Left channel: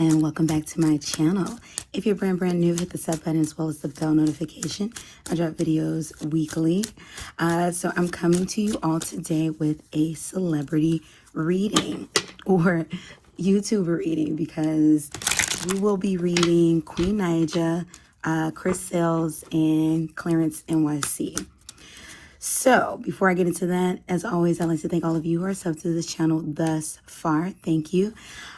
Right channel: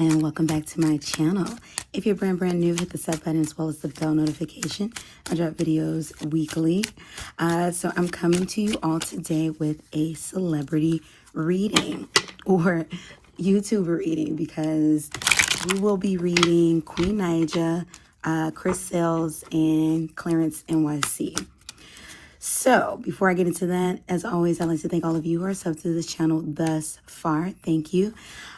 and welcome back to my channel. If you're brand new, hit the sub button as well as the bell notification. I drop videos weekly. So I'm coming to you all today with a celebrity reading or YouTuber reading, because we will be reading Queen Naija, Chris Sales, and Clarence NYC. So, before I get into that, as always, I'd like to thank all of you who are subbed to this channel thus far. Thank you.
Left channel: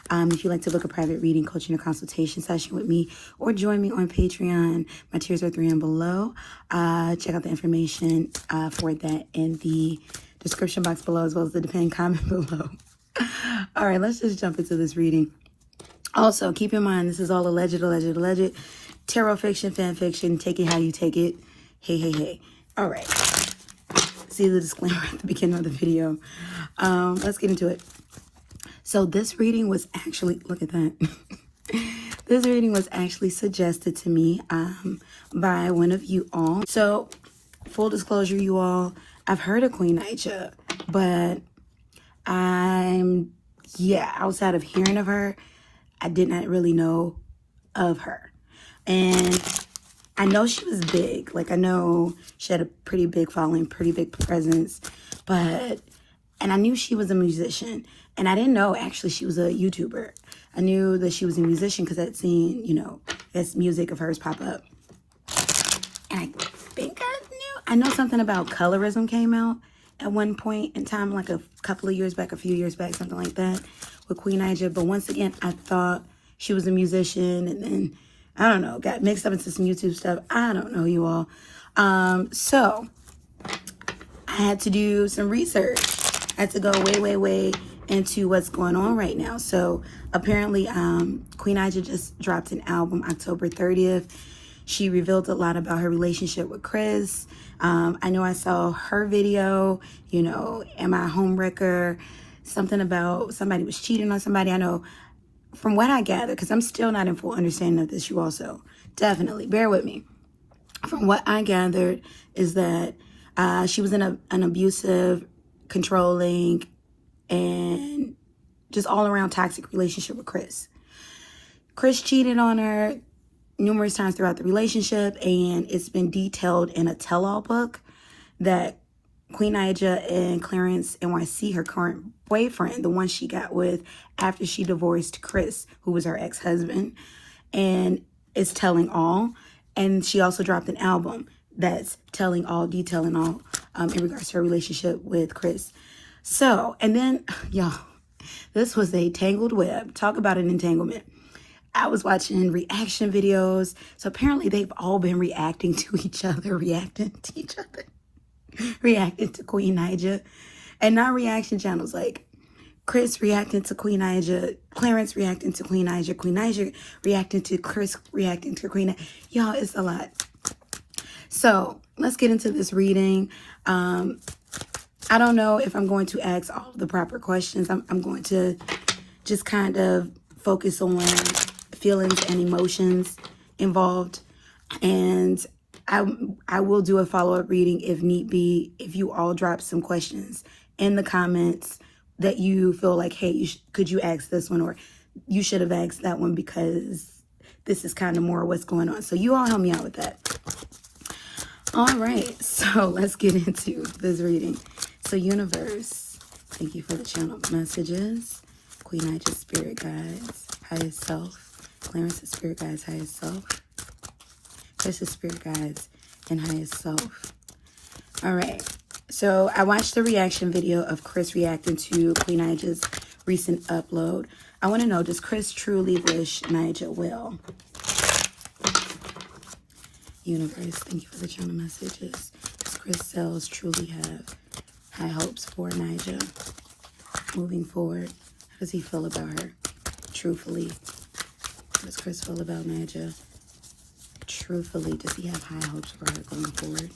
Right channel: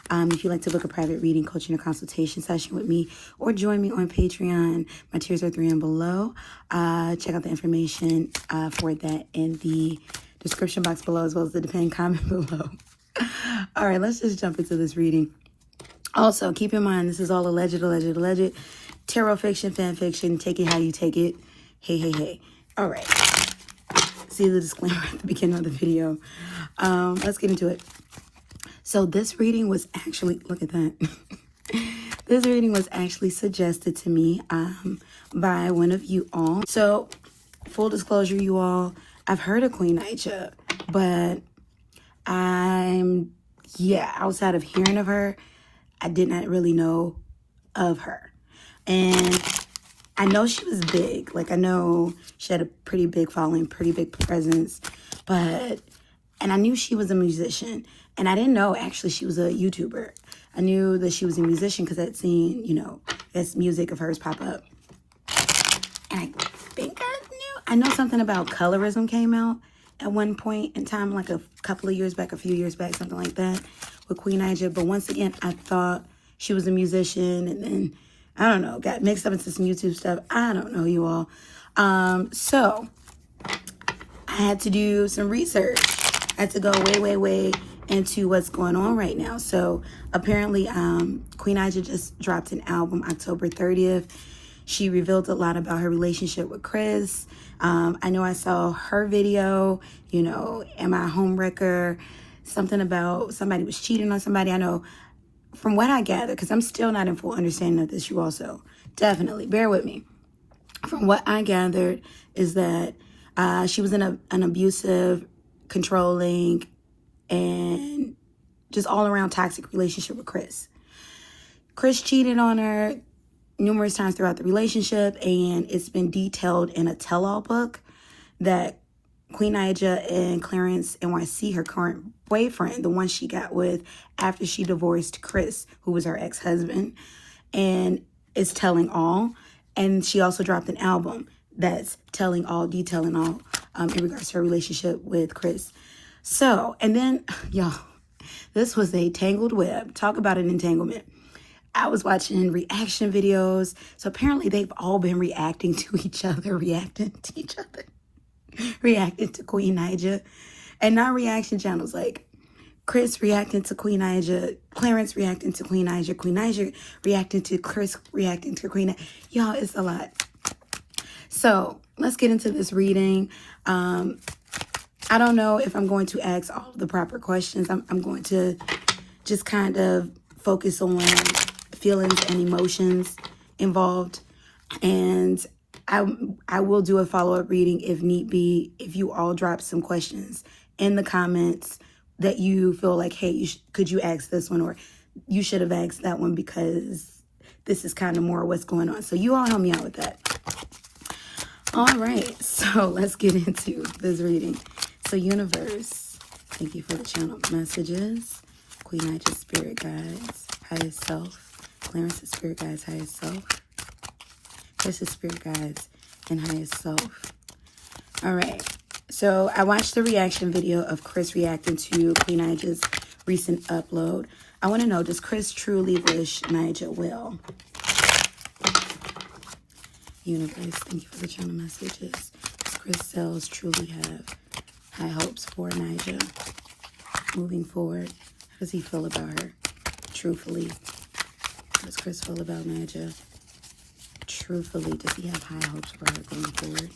If you'd like to book a private reading, coaching, or consultation session with me, or join me on Patreon, my tiers are 3 and below. Check out the information for that in the description box below, as well as the depending comment below. All right, let's just jump into this reading. Also, keep in mind, this is all alleged. Tarot fiction, fan fiction. Take it how you take it. Hey. All right. See the disclaimer at the beginning of the video. Let's get into it. So this reading was actually, look at that. This reading was actually suggested to me by one of you all. So full disclosure, you all, I've heard of Queen Naija, but outside of hearing of her, I did not really know of her. And I know she was big. Like, I know she had a pretty big following, pretty big presence. And I knew she was a musician. And I didn't know, actually, she was a YouTuber. I knew that she was a musician because I'd seen, this music of hers pop up. And I think I know something about colorism came out at one point in time, like a couple of years back, a few years back, something like that, with Queen Naija. But once again, I thought she was a musician, and then I don't know, got mixed up into some YouTube stuff. I don't know, you all. So I had to do some research. I had to go way into what's going on right now. So apparently, Queen Naija just dropped an album October 30th. She revealed a lot about her relationship with Chris. I know I saw her video, Am I a Homewrecker? Something about somebody was cheating on somebody. I know. From what I gather, because I'm still not in full understanding of this, you also definitely bear with me. From what I gathered is that she was in an abusive, controlling, and just all around toxic relationship with Chris. Chris cheated on her numerous times throughout the relationship, and it's been detailed in a tell-all book that Queen Naija and Clarence NYC, her current boyfriend, the one she got with after she divorced Chris, who was her ex-husband, and is telling all. And she also dropped an album that's detailing all in regards to her relationship with Chris. So, and then, y'all, this was a tangled web. Talk about an entanglement. I was watching reaction videos. So apparently they've all been reacting to Queen Naija, and not reaction channels like Chris reacting to Queen Naija, Clarence reacting to Queen Naija, Queen Naija reacting to Chris, reacting to Queen Naija. Y'all, it's a lot. So let's get into this reading. I don't know if I'm going to ask all the proper questions. I'm going to just kind of focus on feelings and emotions involved, and I will do a follow-up reading if need be, if you all drop some questions in the comments that you feel like, hey, could you ask this one, or you should have asked that one, because this is kind of more what's going on. So you all help me out with that. All right, so let's get into this reading. So universe, thank you for the channel messages. Queen Naija spirit guides, highest self. Clarence's spirit guides, highest self. Chris's spirit guides and highest self. All right. So I watched the reaction video of Chris reacting to Queen Naija's recent upload. I want to know, does Chris truly wish Naija well? Universe, thank you for the channel messages. Does Chris Sales truly have high hopes for Naija moving forward? How does he feel about her? Truthfully, how does Chris feel about Naija? Truthfully, does he have high hopes for her going forward?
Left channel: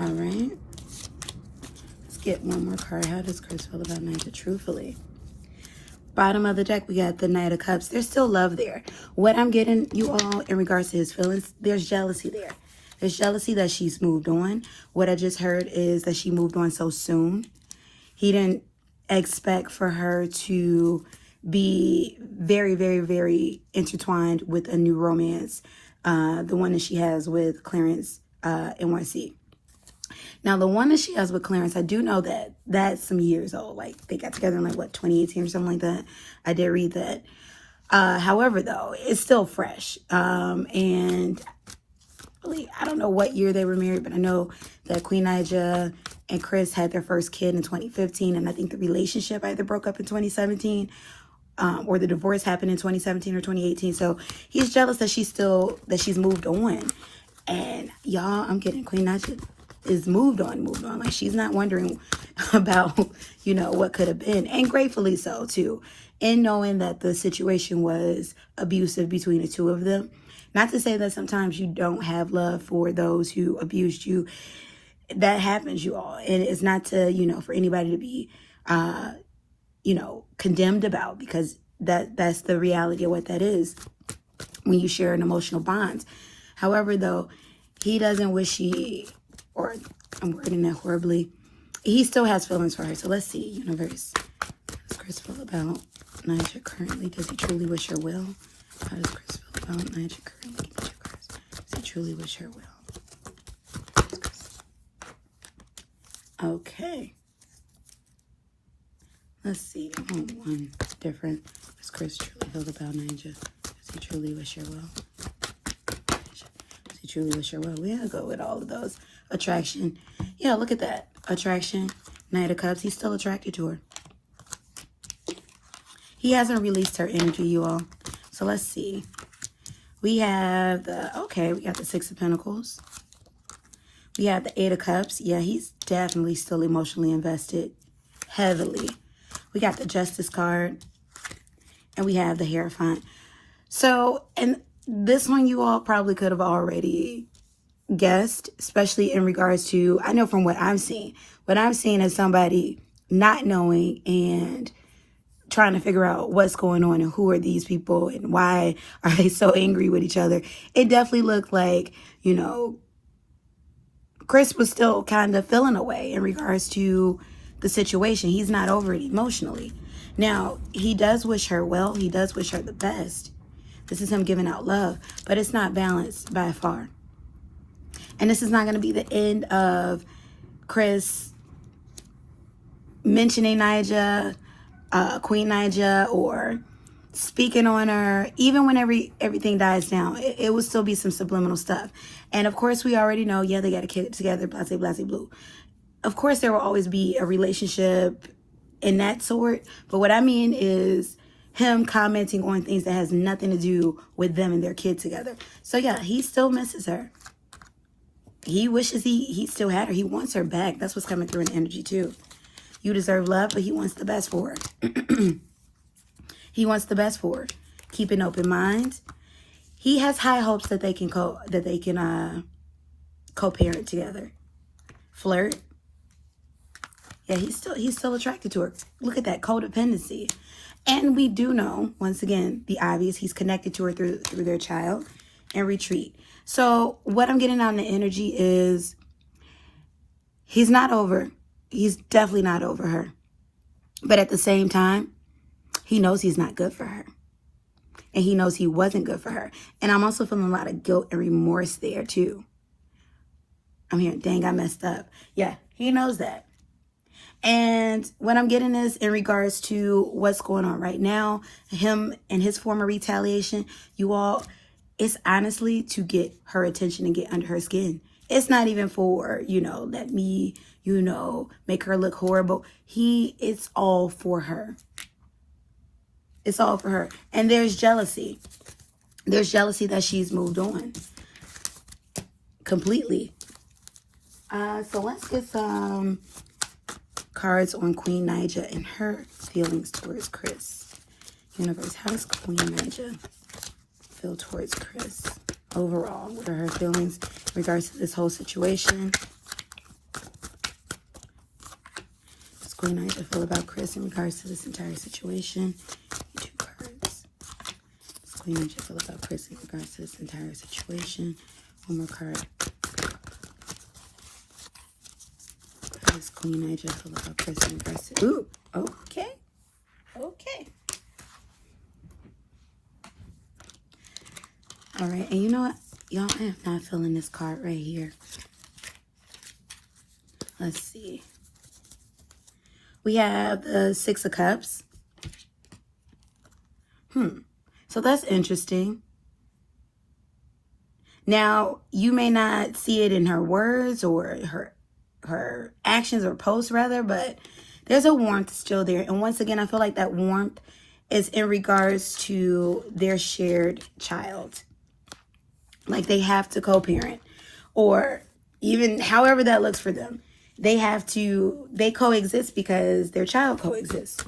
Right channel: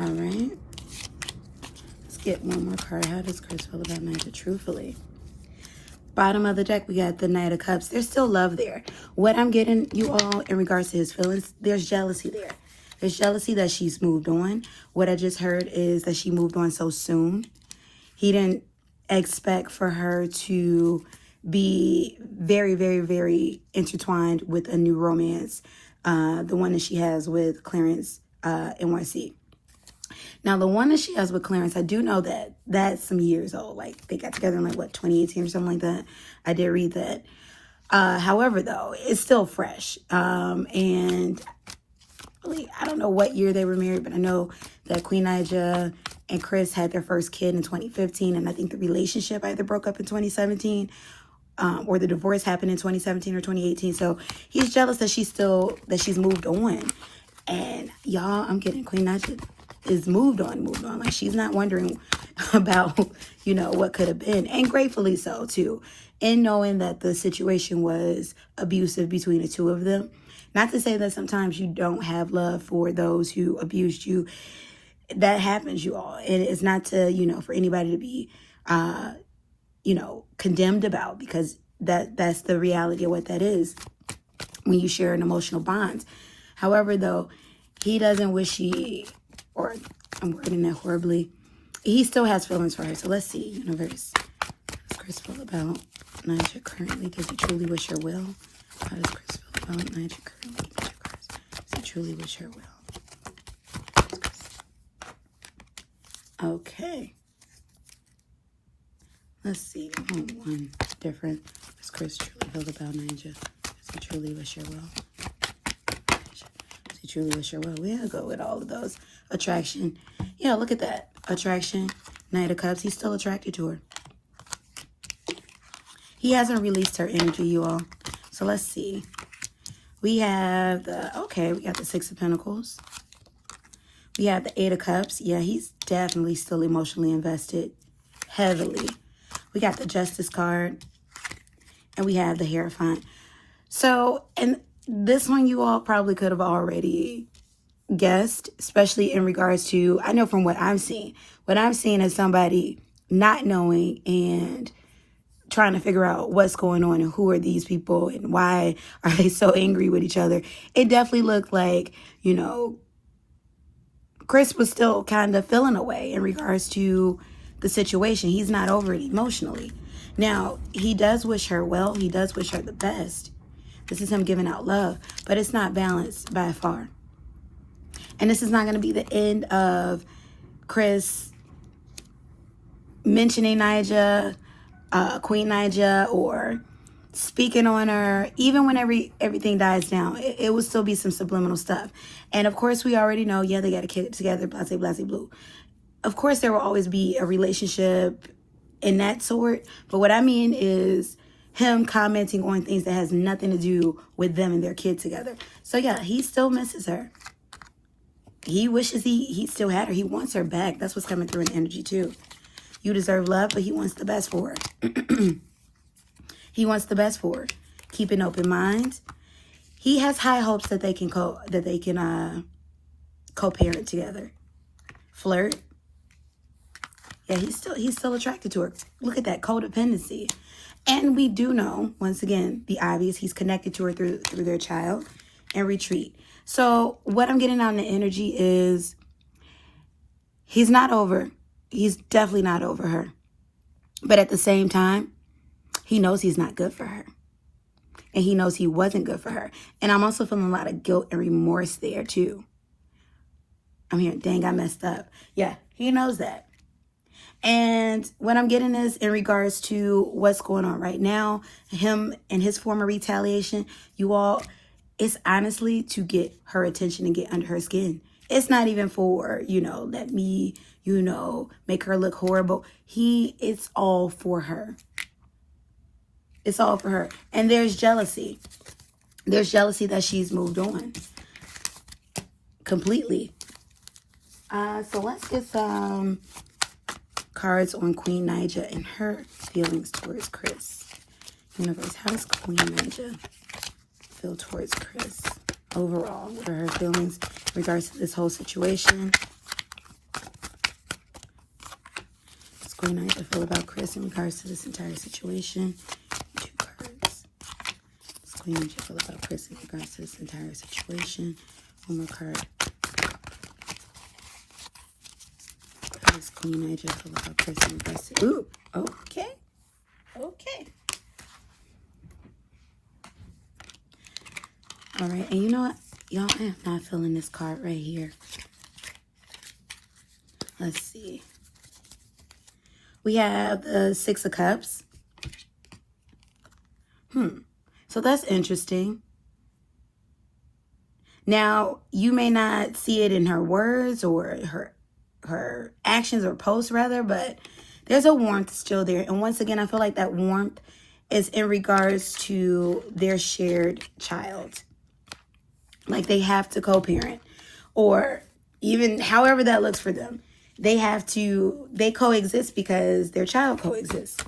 All right. Let's get one more card. How does Chris feel about Naija truthfully? Bottom of the deck, we got the Knight of Cups. There's still love there. What I'm getting, you all, in regards to his feelings, there's jealousy there. There's jealousy that she's moved on. What I just heard is that she moved on so soon. He didn't expect for her to be very, very, very intertwined with a new romance, the one that she has with Clarence, NYC. Now, the one that she has with Clarence, I do know that that's some years old. Like, they got together in, like, what, 2018 or something like that? I did read that. However, though, it's still fresh. And I don't know what year they were married, but I know that Queen Naija and Chris had their first kid in 2015. And I think the relationship either broke up in 2017 or the divorce happened in 2017 or 2018. So he's jealous that she's moved on. And y'all, I'm kidding. Queen Naija is moved on. Like, she's not wondering about, what could have been. And gratefully so, too. And knowing that the situation was abusive between the two of them. Not to say that sometimes you don't have love for those who abused you. That happens, you all. And it's not to, for anybody to be, condemned about, because that's the reality of what that is when you share an emotional bond. However, though, he doesn't wish or I'm wording that horribly, he still has feelings for her. So let's see, universe. How's Chris feel about Naija currently? Does he truly wish her well? How does Chris feel about Naija currently? Does he truly wish her well? Okay. Let's see. One different. Does Chris truly feel about Naija? Does he truly wish her well? Does he truly wish her well? We're going to go with all of those. Attraction. Yeah, look at that. Attraction. Knight of Cups. He's still attracted to her. He hasn't released her energy, you all. So let's see. We have we got the Six of Pentacles. We have the Eight of Cups. Yeah, he's definitely still emotionally invested. Heavily. We got the Justice card. And we have the Hierophant. So, and this one you all probably could have already guessed, especially in regards to, I know from what I'm seeing. What I'm seeing is somebody not knowing and trying to figure out what's going on and who are these people and why are they so angry with each other. It definitely looked like, Chris was still kind of feeling away in regards to the situation. He's not over it emotionally. Now, he does wish her well. He does wish her the best. This is him giving out love, but it's not balanced by far. And this is not going to be the end of Chris mentioning Naija, Queen Naija, or speaking on her. Even when everything dies down, it will still be some subliminal stuff. And of course, we already know, yeah, they got a kid together, blase, blase, blue. Of course, there will always be a relationship in that sort. But what I mean is him commenting on things that has nothing to do with them and their kid together. So yeah, he still misses her. He wishes he still had her. He wants her back. That's what's coming through in energy too. You deserve love, but he wants the best for her. He wants the best for her. Keep an open mind. He has high hopes that they can co-parent together. Flirt. Yeah, he's still attracted to her. Look at that codependency. And we do know, once again, the obvious, he's connected to her through their child, and retreat. So what I'm getting out in the energy is he's definitely not over her. But at the same time, he knows he's not good for her. And he knows he wasn't good for her. And I'm also feeling a lot of guilt and remorse there too. I'm hearing, dang, I messed up. Yeah, he knows that. And what I'm getting is in regards to what's going on right now, him and his former retaliation, you all, it's honestly to get her attention and get under her skin. It's not even for, let me, make her look horrible. It's all for her. It's all for her. And there's jealousy. There's jealousy that she's moved on completely. So let's get some cards on Queen Naija and her feelings towards Chris. Universe, how does Queen Naija feel towards Chris overall? What are her feelings in regards to this whole situation? What's Queen Naija feel about Chris in regards to this entire situation? 2 cards. What's Queen Naija feel about Chris in regards to this entire situation? 1 more card. Queen Nija feel about Chris and Gus? Ooh, okay. Okay. All right, and you know what? Y'all, I am not feeling this card right here. Let's see. We have the Six of Cups. So that's interesting. Now, you may not see it in her words or her actions or posts rather, but there's a warmth still there. And once again, I feel like that warmth is in regards to their shared child. Like they have to co-parent, or even however that looks for them. They coexist because their child coexists.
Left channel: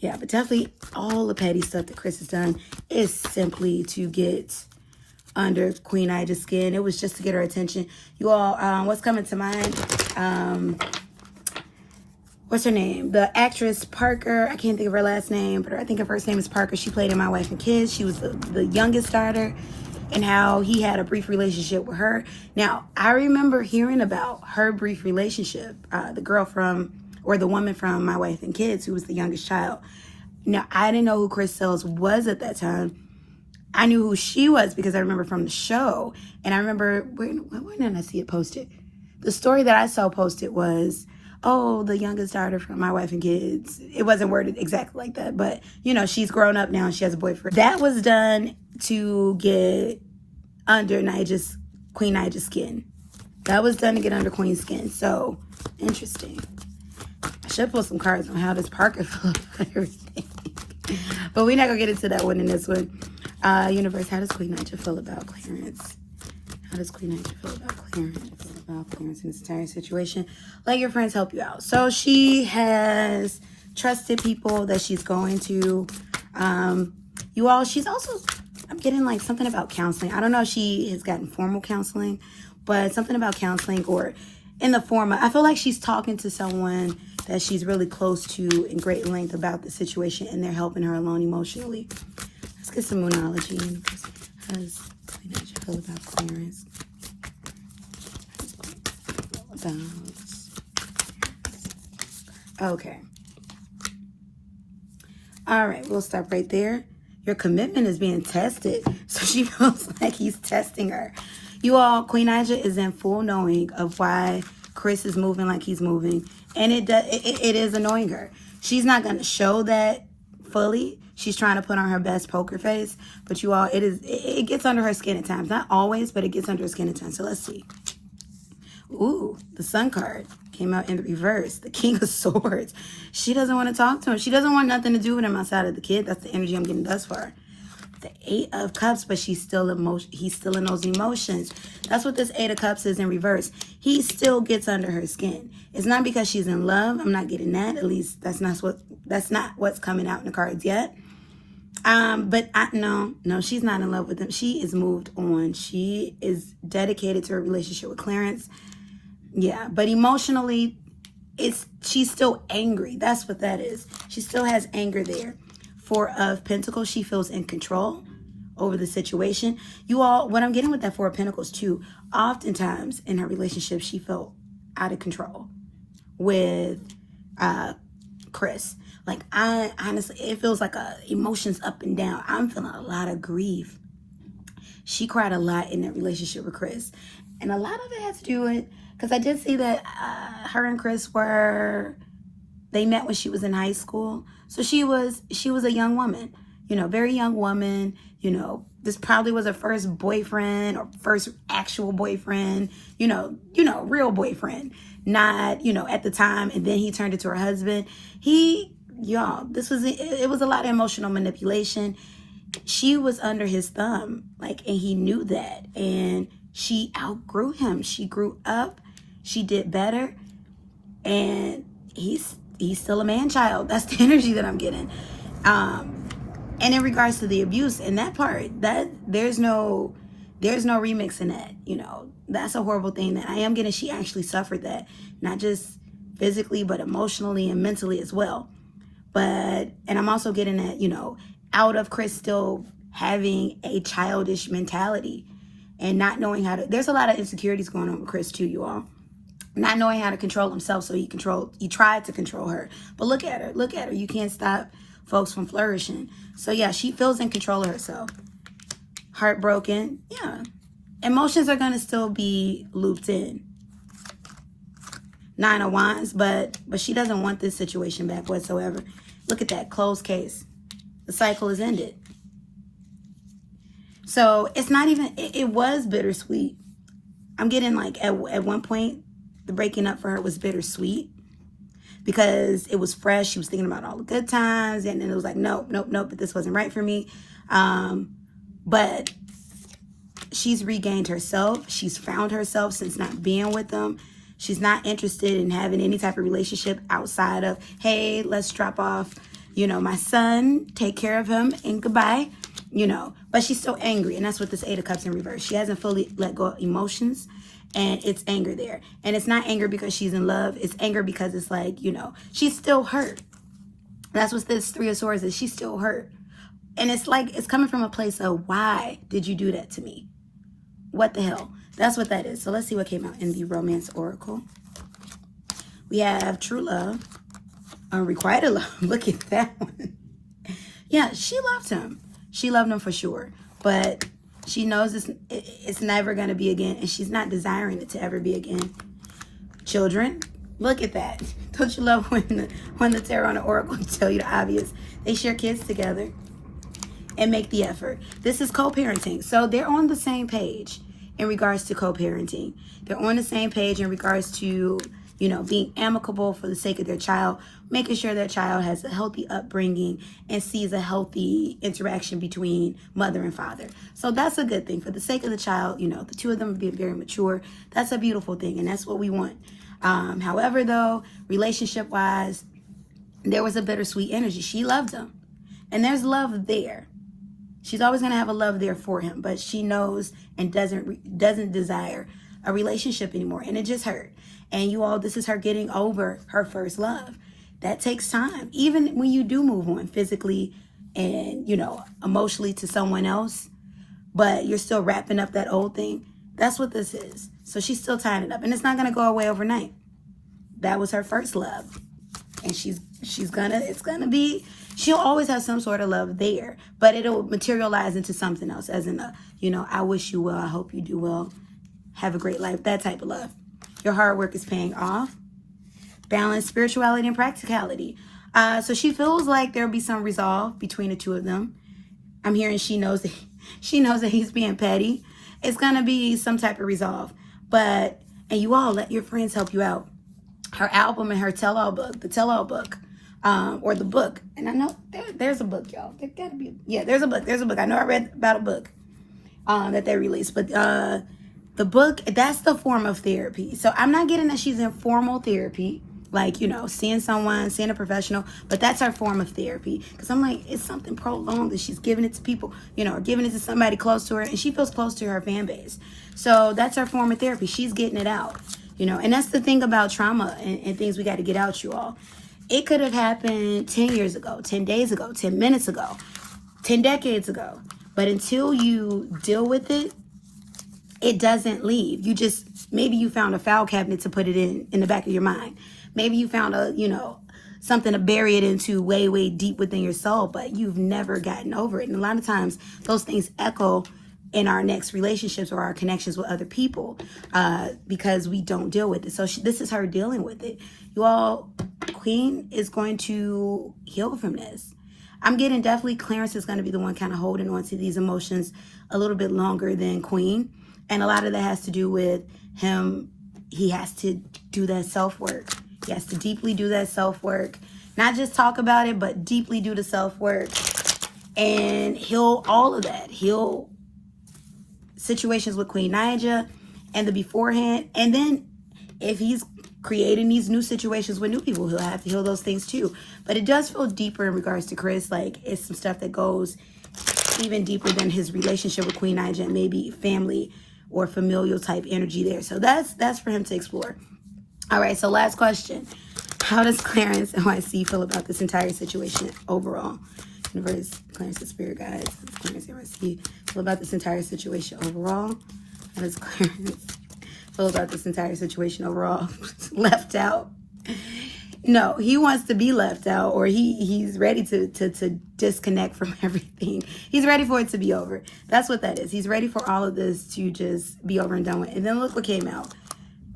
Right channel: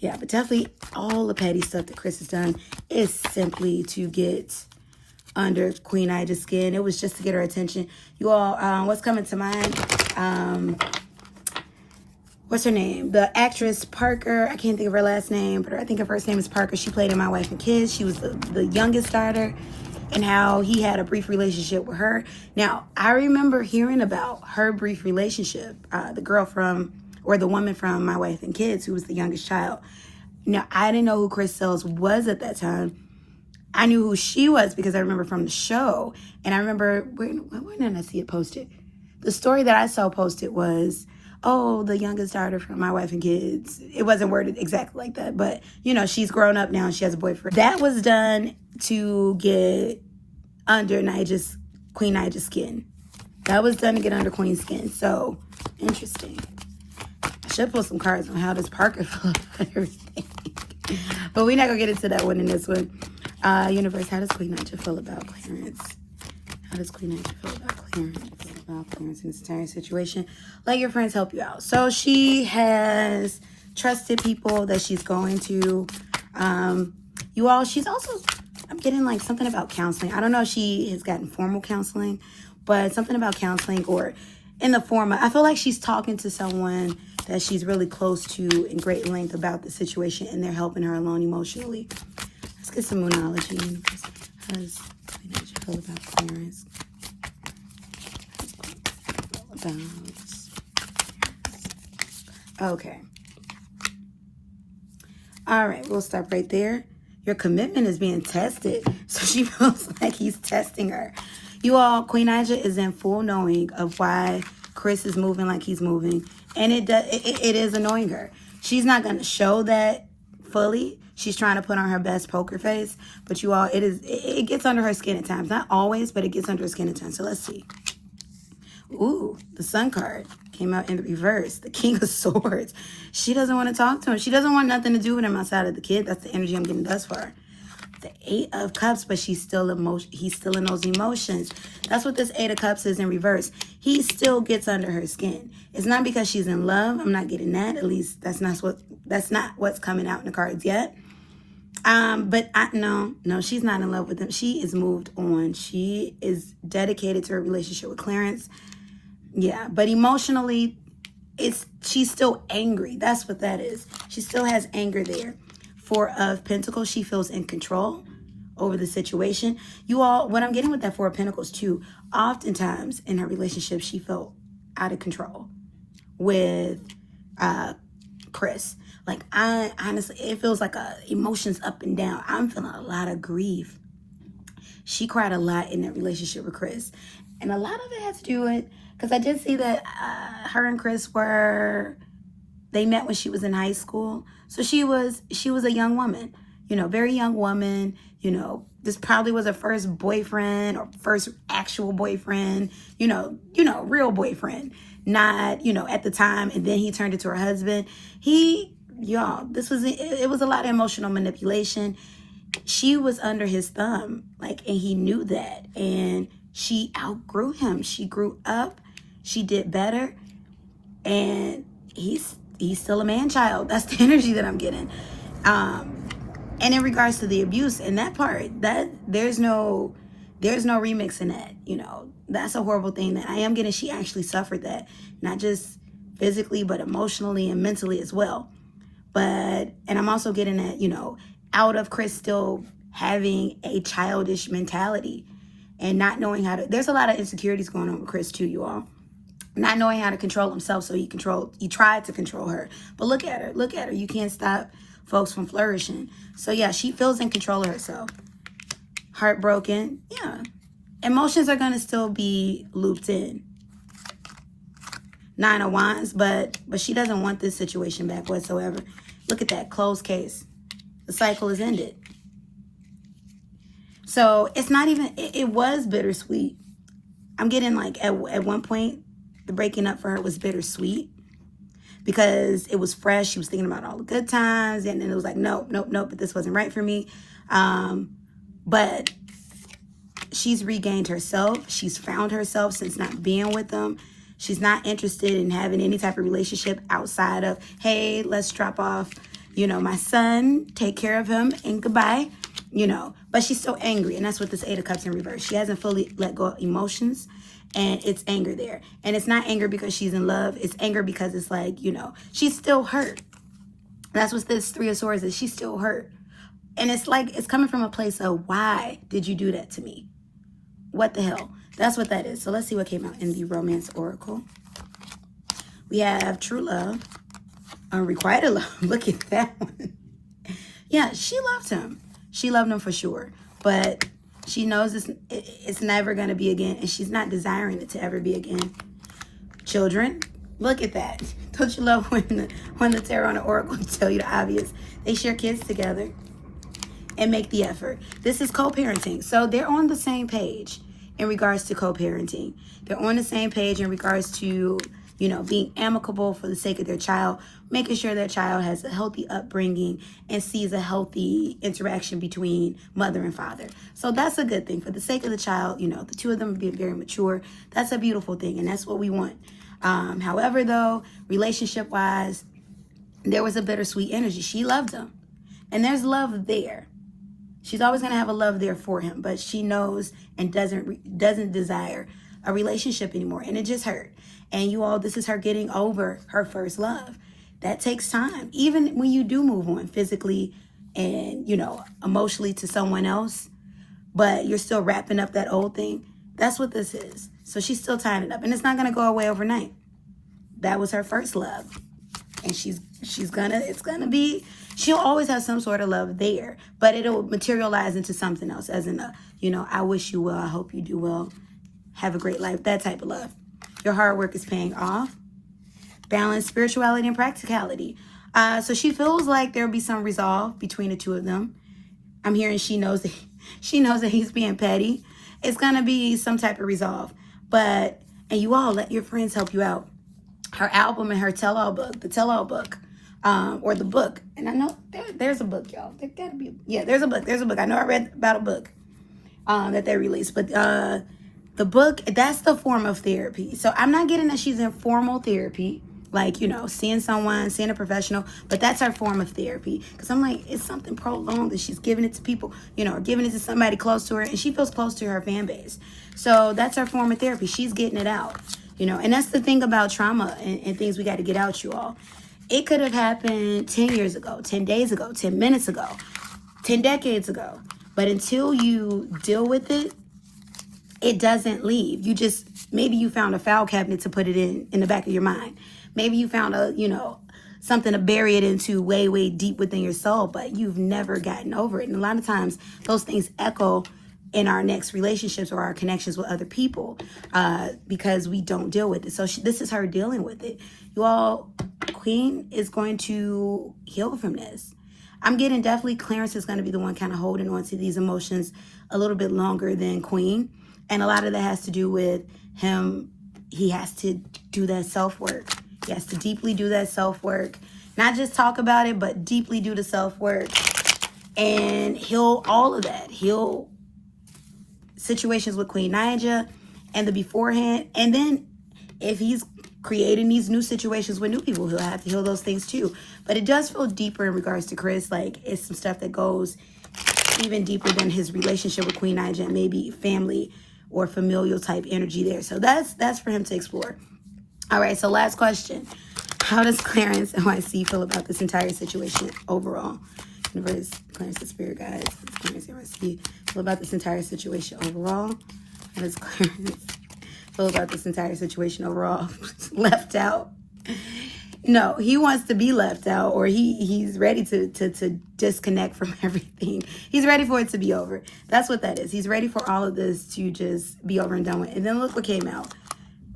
Yeah, but definitely all the petty stuff that Chris has done is simply to get under Queen Nija's skin. It was just to get her attention. You all, what's coming to mind? What's her name? The actress Parker. I can't think of her last name, but I think her first name is Parker. She played in My Wife and Kids. She was the youngest daughter, and how he had a brief relationship with her. Now, I remember hearing about her brief relationship, the girl from, or the woman from My Wife and Kids, who was the youngest child. Now, I didn't know who Chris Sells was at that time. I knew who she was because I remember from the show. And I remember, where did I see it posted? The story that I saw posted was, oh, the youngest daughter from My Wife and Kids. It wasn't worded exactly like that, but, you know, she's grown up now. She has a boyfriend. That was done to get under Queen Nija's skin. That was done to get under Queen's skin. So, interesting. I should pull some cards on how does Parker feel about everything. But we're not going to get into that one in this one. Universe, how does Queen Nija feel about Clarence? How does Queen Nija feel about Clarence? About Clarence in this entire situation? Let your friends help you out. So she has trusted people that she's going to. You all, she's also, I'm getting like something about counseling. I don't know if she has gotten formal counseling, but something about counseling or in the form of, I feel like she's talking to someone that she's really close to in great length about the situation, and they're helping her along emotionally. Let's get some moonology. How does Nija feel about Clarence? Okay. All right, we'll stop right there. Your commitment is being tested. So she feels like he's testing her. You all, Queen Nija is in full knowing of why Chris is moving like he's moving. And it is annoying her. She's not going to show that fully. She's trying to put on her best poker face. But you all, it gets under her skin at times. Not always, but it gets under her skin at times. So let's see. Ooh, the Sun card came out in reverse. The King of Swords. She doesn't want to talk to him. She doesn't want nothing to do with him outside of the kid. That's the energy I'm getting thus far. The Eight of Cups, but he's still in those emotions. That's what this Eight of Cups is in reverse. He still gets under her skin. It's not because she's in love. I'm not getting that. At least that's not what's coming out in the cards yet. No, she's not in love with him. She is moved on. She is dedicated to her relationship with Clarence. Yeah, but emotionally, she's still angry. That's what that is. She still has anger there. Four of Pentacles, she feels in control over the situation. You all, what I'm getting with that Four of Pentacles too, oftentimes in her relationship, she felt out of control with Chris. Like, I honestly, it feels like emotions up and down. I'm feeling a lot of grief. She cried a lot in that relationship with Chris. And a lot of it has to do with, because I did see that her and Chris they met when she was in high school. So she was a young woman, very young woman. This probably was her first boyfriend or first actual boyfriend, real boyfriend. Not, at the time, and then he turned into her husband. It was a lot of emotional manipulation. She was under his thumb, and he knew that. And she outgrew him. She grew up. She did better. And he's still a man-child. That's the energy that I'm getting. And in regards to the abuse, in that part, that there's no remix in that. That's a horrible thing that I am getting. She actually suffered that, not just physically, but emotionally and mentally as well. And I'm also getting that, out of Chris still having a childish mentality and not knowing how to, there's a lot of insecurities going on with Chris too, you all. not knowing how to control himself, so he tried to control her. But look at her. You can't stop folks from flourishing. So yeah, she feels in control of herself. Heartbroken, yeah. Emotions are gonna still be looped in. 9 of Wands, but she doesn't want this situation back whatsoever. Look at that, closed case. The cycle is ended. So it's not even, it was bittersweet. I'm getting like, at one point, the breaking up for her was bittersweet because it was fresh. She was thinking about all the good times, and then it was like, nope, but this wasn't right for me. But she's regained herself. She's found herself since not being with them. She's not interested in having any type of relationship outside of, hey, let's drop off, my son, take care of him, and goodbye, But she's so angry, and that's what this 8 of Cups in reverse. She hasn't fully let go of emotions, and it's anger there. And it's not anger because she's in love. It's anger because it's like, she's still hurt. That's what this 3 of Swords is. She's still hurt. And it's like, it's coming from a place of, why did you do that to me? What the hell? That's what that is. So let's see what came out in the Romance Oracle. We have true love, unrequited love. Look at that one. Yeah, she loved him. She loved him for sure. But she knows it's never going to be again. And she's not desiring it to ever be again. Children, look at that. Don't you love when the tarot and the oracle tell you the obvious? They share kids together and make the effort. This is co-parenting. So they're on the same page in regards to co-parenting. They're on the same page in regards to, being amicable for the sake of their child, making sure their child has a healthy upbringing and sees a healthy interaction between mother and father. So that's a good thing. For the sake of the child, the two of them being very mature, that's a beautiful thing, and that's what we want. However, though, relationship-wise, there was a bittersweet energy. She loved him, and there's love there. She's always going to have a love there for him, but she knows and doesn't desire a relationship anymore, and it just hurt. And you all, this is her getting over her first love. That takes time. Even when you do move on physically and, emotionally to someone else, but you're still wrapping up that old thing. That's what this is. So she's still tying it up, and it's not going to go away overnight. That was her first love, and she'll always have some sort of love there, but it'll materialize into something else, as in I wish you well, I hope you do well, have a great life, that type of love. Your hard work is paying off. Balance, spirituality, and practicality. So she feels like there'll be some resolve between the two of them. I'm hearing she knows that he's being petty. It's gonna be some type of resolve. And you all let your friends help you out. Her album and her tell-all book, the tell-all book, or the book. And I know there's a book, y'all. There's a book. I know I read about a book that they released, but the book, that's the form of therapy. So I'm not getting that she's in formal therapy, like, seeing a professional, but that's her form of therapy. Because I'm like, it's something prolonged that she's giving it to people, giving it to somebody close to her, and she feels close to her fan base. So that's her form of therapy. She's getting it out, and that's the thing about trauma and things we got to get out, you all. It could have happened 10 years ago, 10 days ago, 10 minutes ago, 10 decades ago. But until you deal with it, it doesn't leave. Maybe you found a file cabinet to put it in the back of your mind. Maybe you found something to bury it into way, way deep within your soul, but you've never gotten over it. And a lot of times those things echo in our next relationships or our connections with other people because we don't deal with it. So this is her dealing with it. You all, Queen is going to heal from this. I'm getting definitely Clarence is going to be the one kind of holding on to these emotions a little bit longer than Queen. And a lot of that has to do with him. He has to do that self-work. He has to deeply do that self-work. Not just talk about it, but deeply do the self-work. And heal all of that. Heal situations with Queen Naija and the beforehand. And then if he's creating these new situations with new people, he'll have to heal those things too. But it does feel deeper in regards to Chris. Like, it's some stuff that goes even deeper than his relationship with Queen Naija, maybe family or familial type energy there. So that's for him to explore. All right, so last question. How does Clarence NYC feel about this entire situation overall? Universe, Clarence, the spirit guides, Clarence NYC feel about this entire situation overall? How does Clarence feels about this entire situation overall. Left out. No, he wants to be left out, or he's ready to disconnect from everything. He's ready for it to be over. That's what that is. He's ready for all of this to just be over and done with. And then look what came out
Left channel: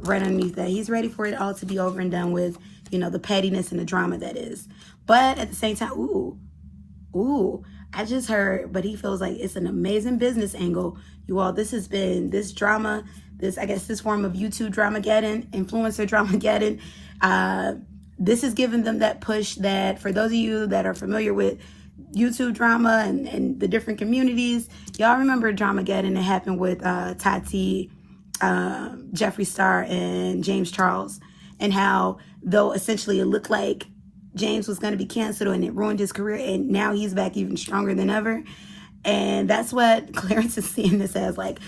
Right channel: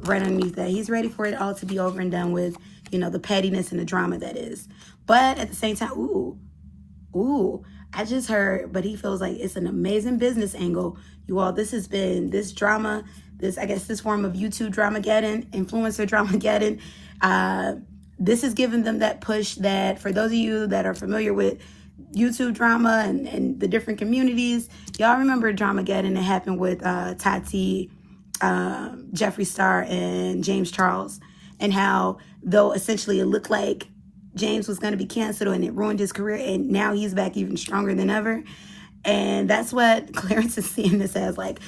right underneath that. He's ready for it all to be over and done with, you know, the pettiness and the drama that is. But at the same time, ooh, I just heard, but he feels like it's an amazing business angle. You all, this has been, this drama, this form of YouTube dramageddon, influencer dramageddon. This is giving them that push that, for those of you that are familiar with YouTube drama and the different communities, y'all remember dramageddon that happened with Tati, Jeffree Star, and James Charles, and how, though essentially it looked like James was going to be canceled and it ruined his career, and now he's back even stronger than ever. And that's what Clarence is seeing this as, like,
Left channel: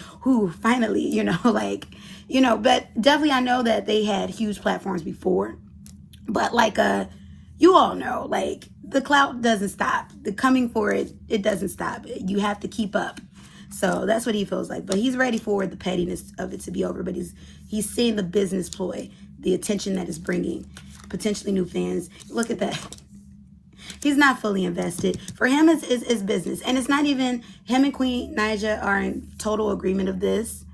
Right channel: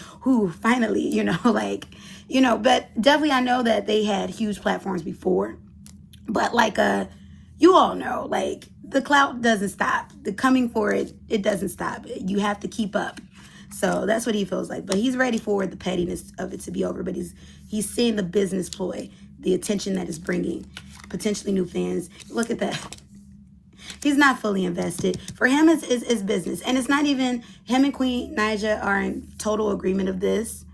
finally, you know, like, you know. But definitely I know that they had huge platforms before, but like you all know, like, the clout doesn't stop. The coming for it doesn't stop. You have to keep up. So that's what he feels like. But he's ready for the pettiness of it to be over. But he's seeing the business ploy, the attention that it's bringing, potentially new fans. Look at that. He's not fully invested. For him, it's business. And it's not even, him and Queen Naija are in total agreement of this.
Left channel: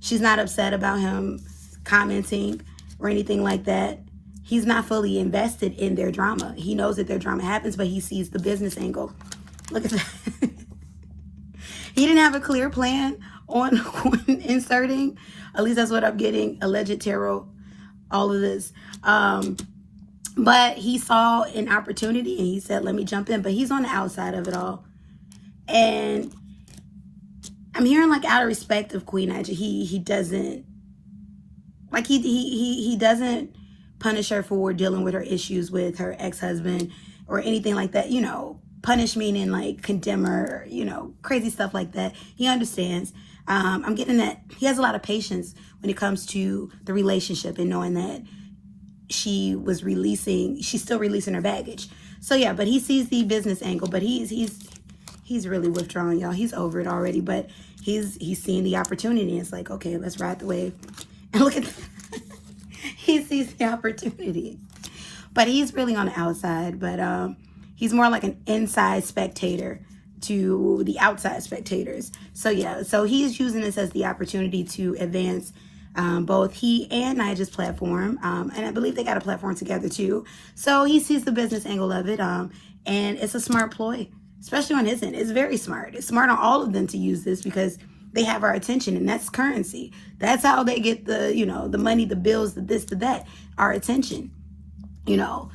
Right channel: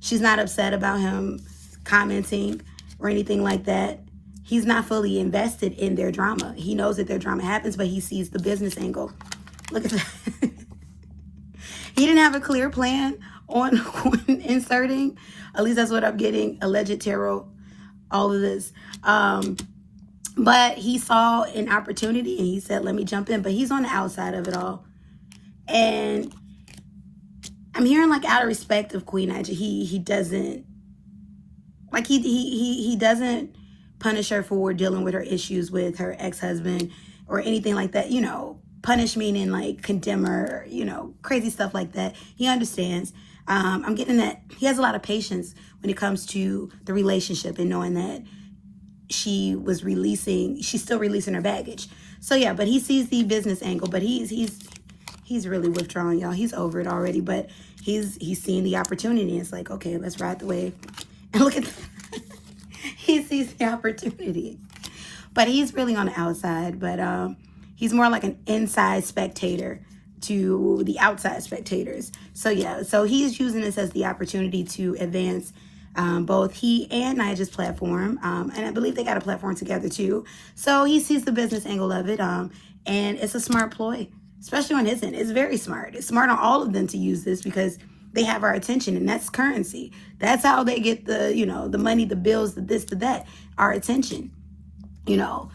She's not upset about him commenting or anything like that. He's not fully invested in their drama. He knows that their drama happens, but he sees the business angle. Look at that. He didn't have a clear plan on inserting. At least that's what I'm getting. Alleged tarot, all of this. But he saw an opportunity and he said, let me jump in. But he's on the outside of it all. And I'm hearing, like, out of respect of Queen Naija, he doesn't, like, he doesn't punish her for dealing with her issues with her ex-husband or anything like that. You know, punish meaning like condemn her, you know, crazy stuff like that. He understands. I'm getting that he has a lot of patience when it comes to the relationship and knowing that she's still releasing her baggage. So yeah, but he sees the business angle, but he's really withdrawing, y'all. He's over it already, but he's seeing the opportunity. It's like, okay, let's ride the wave. And look at that. He sees the opportunity. But he's really on the outside, but he's more like an inside spectator to the outside spectators. So yeah, so he's using this as the opportunity to advance both he and Naija's platform, and I believe they got a platform together too. So he sees the business angle of it, and it's a smart ploy, especially on his end. It's very smart. It's smart on all of them to use this because they have our attention, and that's currency. That's how they get the, you know, the money, the bills, the this, the that, our attention. You know,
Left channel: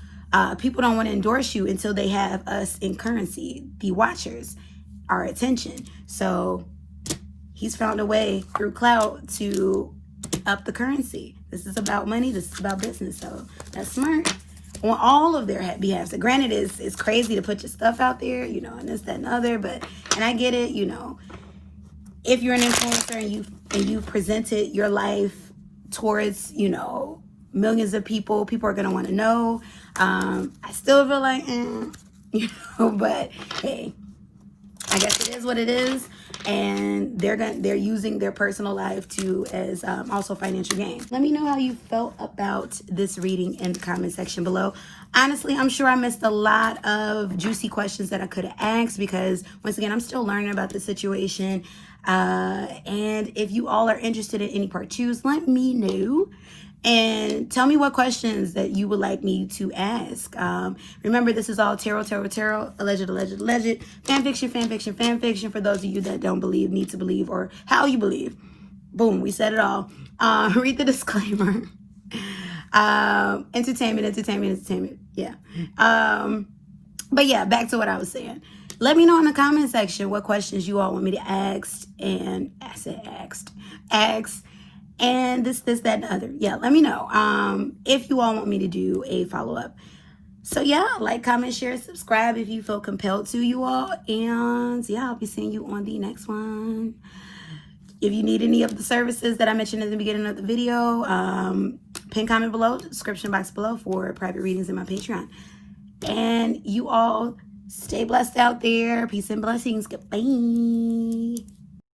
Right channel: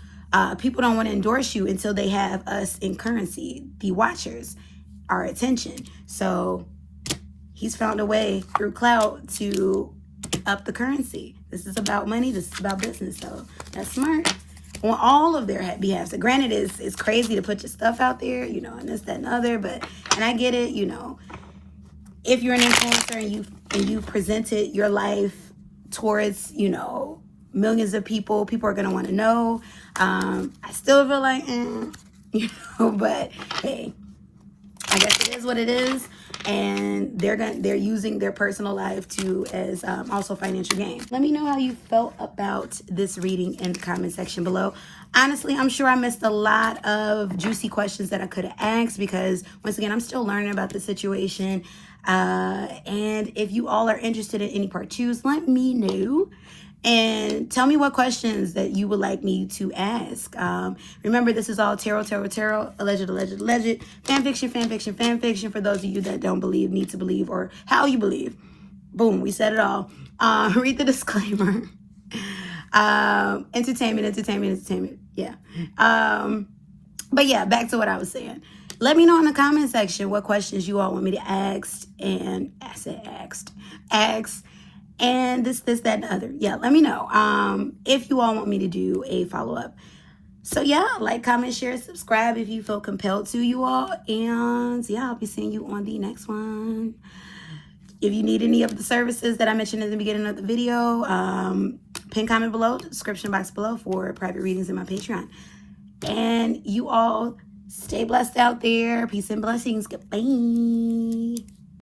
people don't want to endorse you until they have us in currency, the watchers, our attention. So he's found a way through clout to up the currency. This is about money. This is about business. So that's smart on all of their behalves. So granted, it's crazy to put your stuff out there, you know, and this, that, and the other, but, and I get it, you know, if you're an influencer and you've presented your life towards, you know, millions of people are going to want to know. I still feel like, you know, but hey, I guess it is what it is. And they're using their personal life as also financial gain. Let me know how you felt about this reading in the comment section below. Honestly, I'm sure I missed a lot of juicy questions that I could have asked because, once again, I'm still learning about the situation. And if you all are interested in any part 2s, let me know. And tell me what questions that you would like me to ask. Remember, this is all tarot, alleged, fan fiction, for those of you that don't believe, need to believe, or how you believe. Boom, we said it all. Read the disclaimer. Entertainment. Yeah. But yeah, back to what I was saying. Let me know in the comment section what questions you all want me to ask, and ask. And this, that, and the other. Yeah, let me know. If you all want me to do a follow-up. So yeah, like, comment, share, subscribe if you feel compelled to, you all. And yeah, I'll be seeing you on the next one. If you need any of the services that I mentioned in the beginning of the video, pin comment below, description box below for private readings in my Patreon. And you all stay blessed out there. Peace and blessings. Goodbye.